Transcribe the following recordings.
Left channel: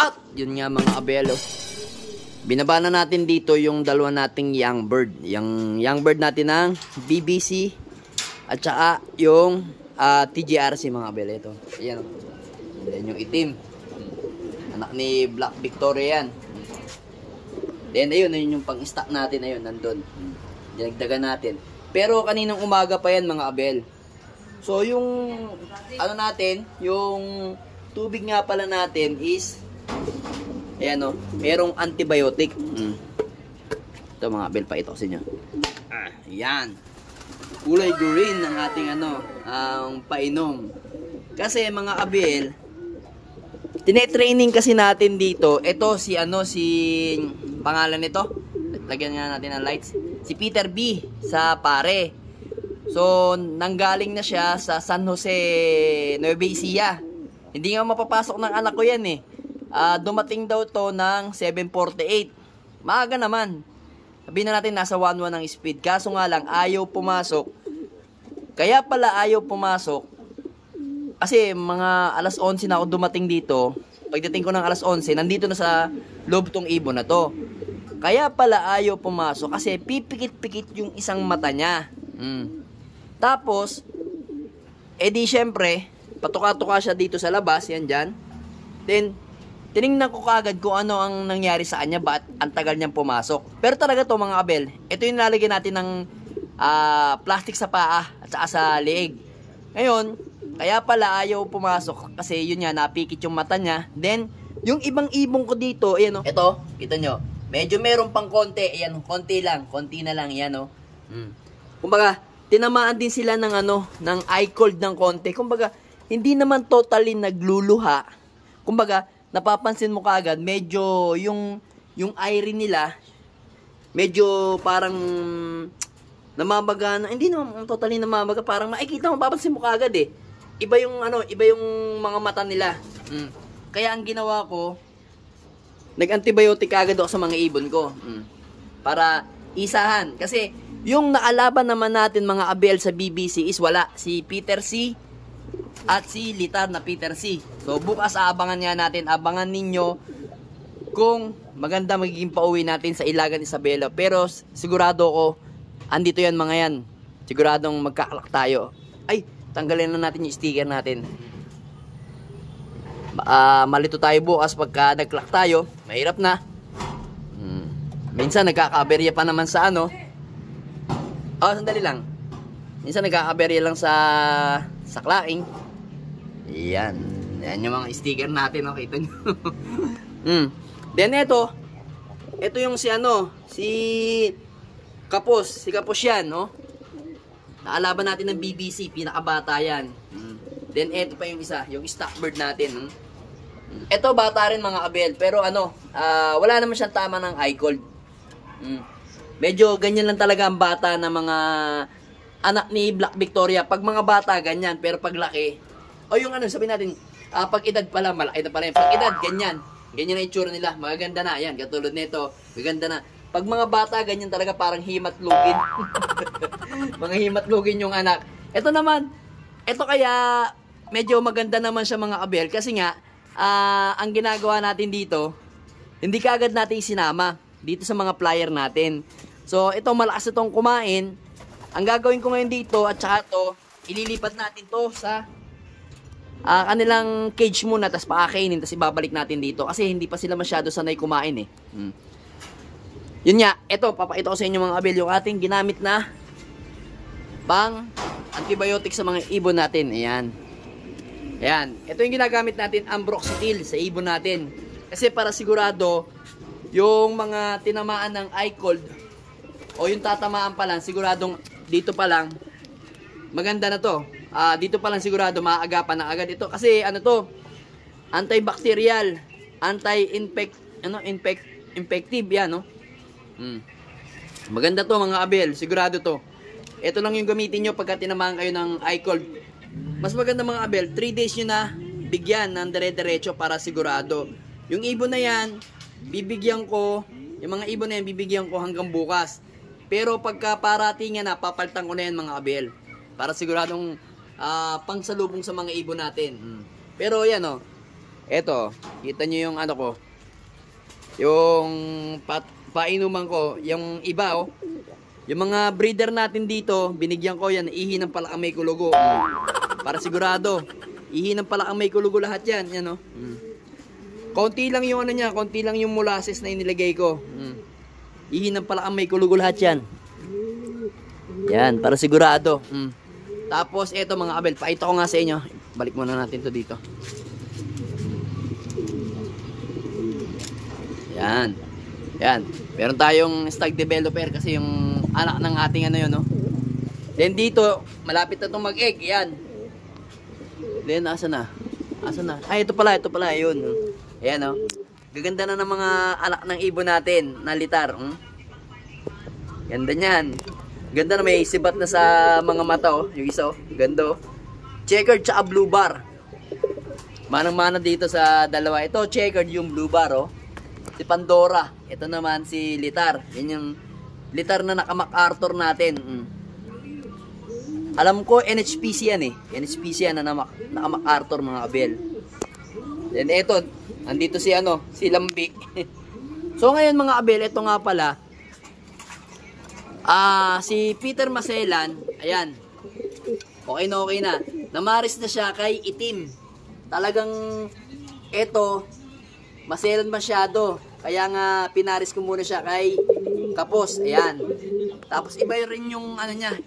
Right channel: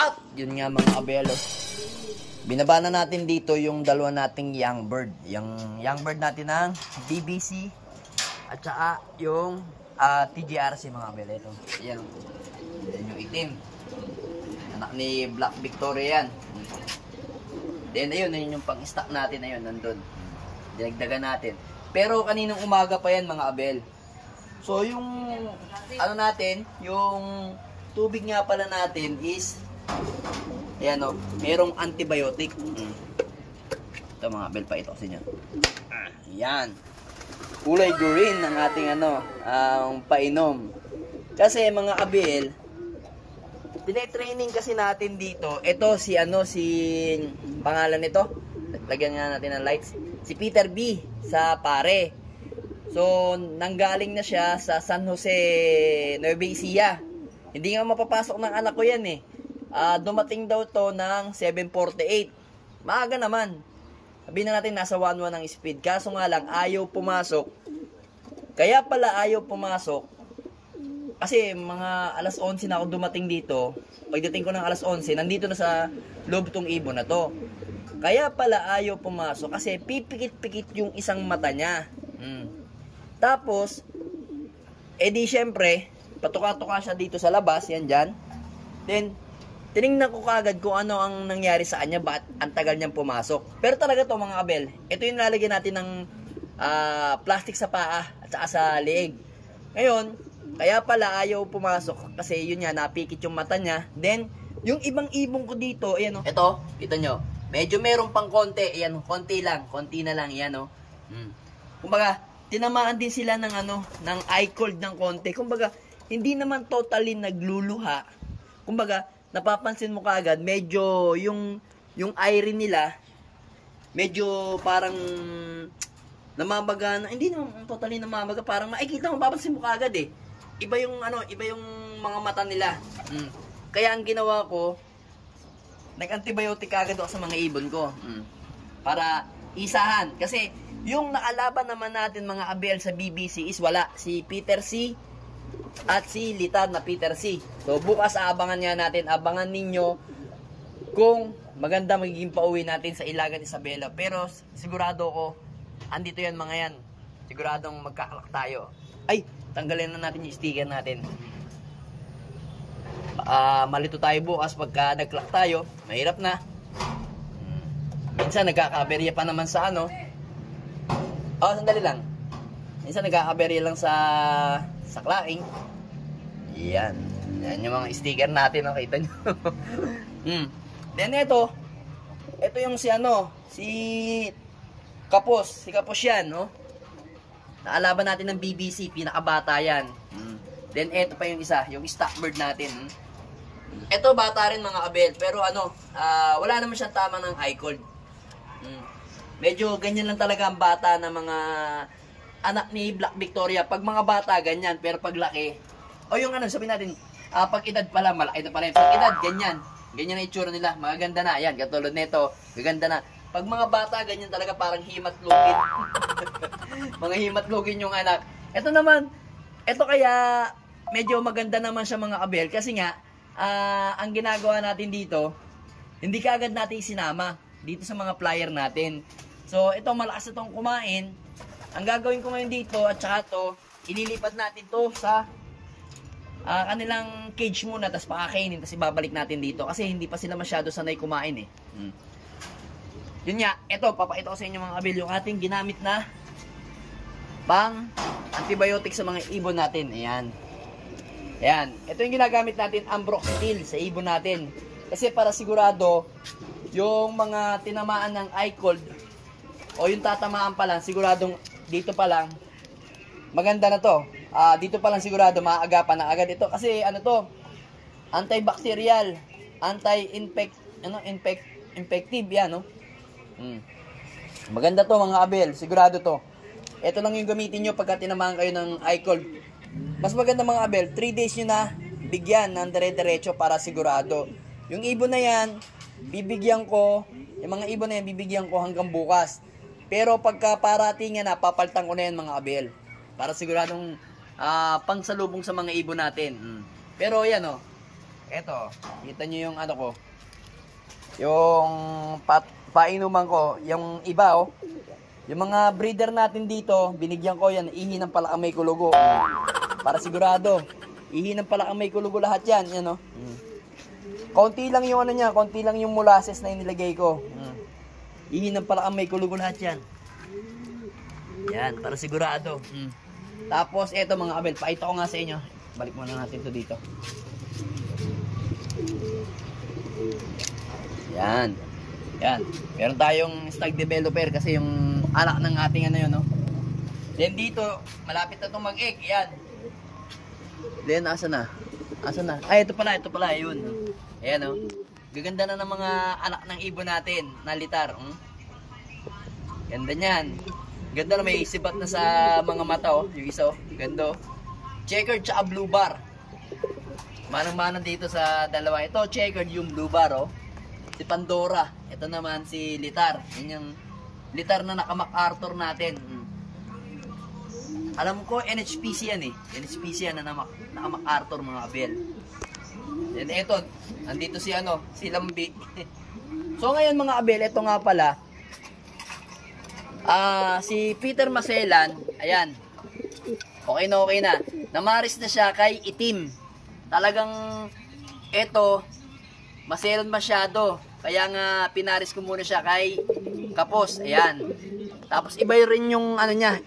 At yun nga mga abelo, binaba na natin dito yung dalawa nating young bird. Yung young bird natin ng BBC at saka yung TGRC mga abelo. Ito, ayan, ayan yung itim, anak ni Black Victoria yan. Then ayun, ayun yung pang stock natin, ayun nandun, dinagdagan natin. Pero kaninang umaga pa yan mga abel. So yung ano natin, yung tubig nga pala natin is ayan o, merong antibiotic. Ito mga abel, pa ito sa inyo. Ayan, kulay green ang ating ano, ang painom. Kasi mga abel, tine-training kasi natin dito. Ito si ano, si pangalan nito, lagyan nga natin ng lights, si Peter B sa pare. So nanggaling na siya sa San Jose, Nueva Ecija. Hindi nga mapapasok ng anak ko yan eh. Dumating daw to ng 7:48. Maaga naman. Sabihin na natin nasa 1:1 ang speed. Kaso nga lang ayaw pumasok. Kaya pala ayaw pumasok kasi mga alas 11 na ako dumating dito. Pagdating ko ng alas 11, nandito na sa loob tong ibon na to. Kaya pala ayaw pumasok kasi pipikit-pikit yung isang mata niya. Tapos, edi syempre, patuka-tuka siya dito sa labas, yan dyan. Then, tinignan ko kagad kung ano ang nangyari sa kanya, bakit ang tagal niyang pumasok. Pero talaga to mga abel, ito yung nalagyan natin ng plastic sa paa at saka sa leeg. Ngayon, kaya pala ayaw pumasok kasi yun nga, napikit yung mata niya. Then, yung ibang ibong ko dito, ayan o. Ito, kita nyo, medyo meron pang konti. Ayan o, konti na lang, ayan o. Kumbaga, tinamaan din sila ng ano, ng eye cold ng konti. Kumbaga, hindi naman totally nagluluha. Kumbaga, napapansin mo kaagad, medyo yung eye rin nila, medyo parang namamaga na, hindi naman totally namamaga, parang makikita mo, papansin mo kaagad eh. Iba yung ano, iba yung mga mata nila. Kaya ang ginawa ko, nag-antibiotic agad ako sa mga ibon ko. Para isahan. Kasi yung naalaban naman natin mga abel sa BBC is wala. Si Peter C at si Litar na Peter C. So bukas aabangan nga natin, abangan ninyo kung maganda magiging pauwi natin sa Ilagan Isabela. Pero sigurado ko, andito yan mga yan. Siguradong magkakalak tayo. Ay, tanggalin na natin yung sticker natin. Malito tayo bukas pagka nag-clock tayo. Mahirap na. Minsan nagkakaberya pa naman sa ano. Sandali lang. Minsan nagkakaberya lang sa clacking. Yan. Yan yung mga sticker natin, no? Kita nyo. Then ito yung si ano, si Kapos. Si Kapos yan, no? Naalaban natin ng BBC, pinakabata yan. Then ito pa yung isa, yung stockbird natin. Ito bata rin mga abel, pero ano, wala naman siyang tama ng eye cold. Medyo ganyan lang talaga ang bata ng mga anak ni Black Victoria. Pag mga bata, ganyan. Pero pag laki, o yung ano, sabihin natin, pag edad pala, malaki na pala yun. Pag edad, ganyan. Ganyan ang itsura nila. Magaganda na. Yan, katulad nito. Maganda na. Pag mga bata, ganyan talaga parang himatlugin. Mga himatlugin yung anak. Ito naman, ito kaya medyo maganda naman siya mga abel. Kasi nga, ang ginagawa natin dito, hindi kaagad natin sinama dito sa mga flyer natin. So, ito malakas itong kumain. Ang gagawin ko ngayon dito at saka to, ililipat natin to sa kanilang cage muna, tapos pakakainin, tapos ibabalik natin dito kasi hindi pa sila masyado sanay kumain eh. Yun nga, ito papakita ko sa inyo mga abel yung ating ginamit na pang antibiotic sa mga ibon natin. Ayan. Ayan, ito yung ginagamit natin, ambroxetil sa ibon natin. Kasi para sigurado yung mga tinamaan ng eye cold o yung tatamaan pa lang, siguradong dito pa lang maganda na to. Dito pa lang sigurado maaagapan na agad ito kasi ano to, antibacterial, infective yan, no? Maganda to mga abel, sigurado to. Ito lang yung gamitin nyo pagka tinamaan kayo ng eye cold. Mas maganda mga abel, 3 days nyo na bigyan ng dire-diretso para sigurado. Yung ibon na yan, bibigyan ko, yung mga ibon na yan, bibigyan ko hanggang bukas. Pero pagka paratingan na, papaltan ko na yan mga abel. Para siguradong pangsalubong sa mga ibon natin. Pero yan o. Eto, kita nyo yung ano ko. Yung painuman ko. Yung iba oh. Yung mga breeder natin dito, binigyan ko yan. Ihi ng palakang may kulugo. Para sigurado. Ihi ng palakang may kulugo lahat yan. Yan oh. Konti lang yung ano niya. Konti lang yung molasses na inilagay ko. Ihi ng palakang may kulugo lahat yan. Yan, para sigurado. Tapos eto mga kabel, pakita ko nga sa inyo. Balik muna natin to dito. Yan. Yan. Meron tayong stag developer kasi yung anak ng ating ano yun, no? Then dito, malapit na itong mag-egg. Yan. Then, asa na? Asa na? Ay, ito pala, yun. Ayan, no? Gaganda na ng mga anak ng ibon natin na litar. Ganda niyan. Ganda na, may sibat na sa mga mata, oh. Yung isa, oh. Ganda, oh. Checkered tsaka blue bar. Manang-mana dito sa dalawa. Ito, checkered yung blue bar, oh. Si Pandora. Ito naman si Litar. Yan yung Litar na naka-MacArthur natin. Alam ko, NHPC yan eh. NHPC yan na naka-MacArthur mga kabel. Then ito, andito si ano, si Lambi. So ngayon mga kabel, ito nga pala. Si Peter Maselan, ayan. Okay na. Namaris na siya kay Itim. Talagang ito, maselan masyado. Kaya nga pinaris ko muna siya kay Kapos. Ayan. Tapos iba rin yung ano niya,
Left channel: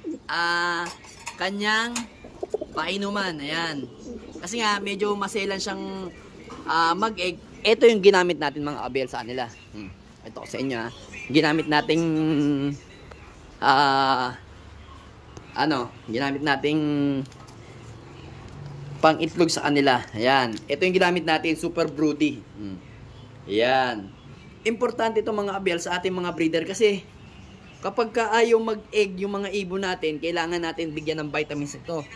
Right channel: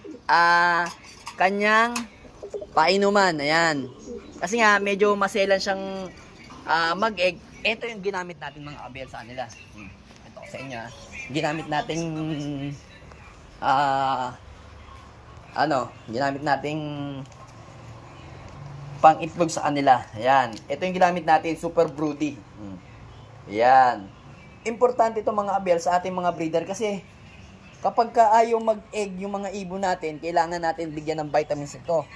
kanyang painuman. Ayan. Kasi nga medyo maselan siyang mag-egg. Ito yung ginamit natin mga kabel sa kanila. Ito sa inyo. Ginamit nating ginamit nating pang itlog sa kanila. Ayan. Ito yung ginamit natin, super broody. Ayan. Importante ito mga kabel sa ating mga breeder kasi kapag ayaw mag-egg yung mga ibon natin, kailangan natin bigyan ng vitamins ito.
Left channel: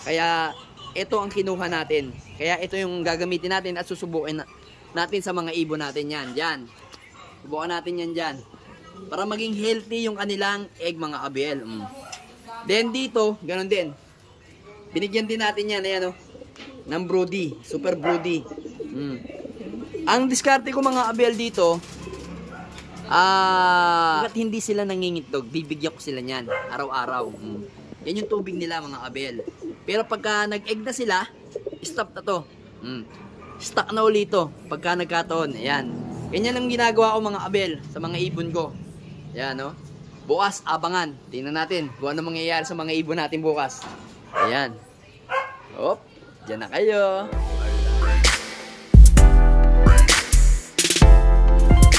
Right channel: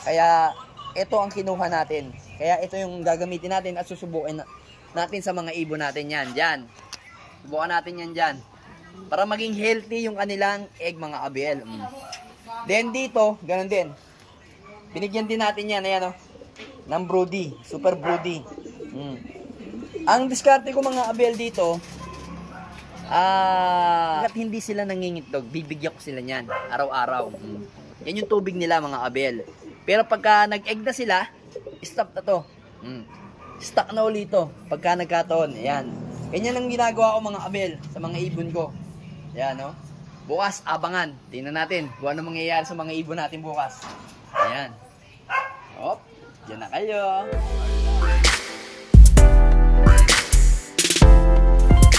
Kaya ito ang kinuha natin. Kaya ito yung gagamitin natin at susubukin natin sa mga ibon natin yan. Diyan. Subukan natin yan dyan. Para maging healthy yung kanilang egg mga kabel. Then dito, ganun din. Binigyan din natin yan, ayan o. Ng broody, super broody. Ang diskarte ko mga kabel dito, hanggat hindi sila nangingitlog, bibigyan ko sila niyan, araw-araw. Yan yung tubig nila mga kabel. Pero pagka nag-egg na sila, stop na to. Stuck na ulit to, pagka nagkataon. Ayan. Ganyan ang ginagawa ko mga kabel, sa mga ibon ko. Ayan no. Bukas, abangan. Tingnan natin kung ano mangyayari sa mga ibon natin bukas. Ayan. Hop, dyan na kayo.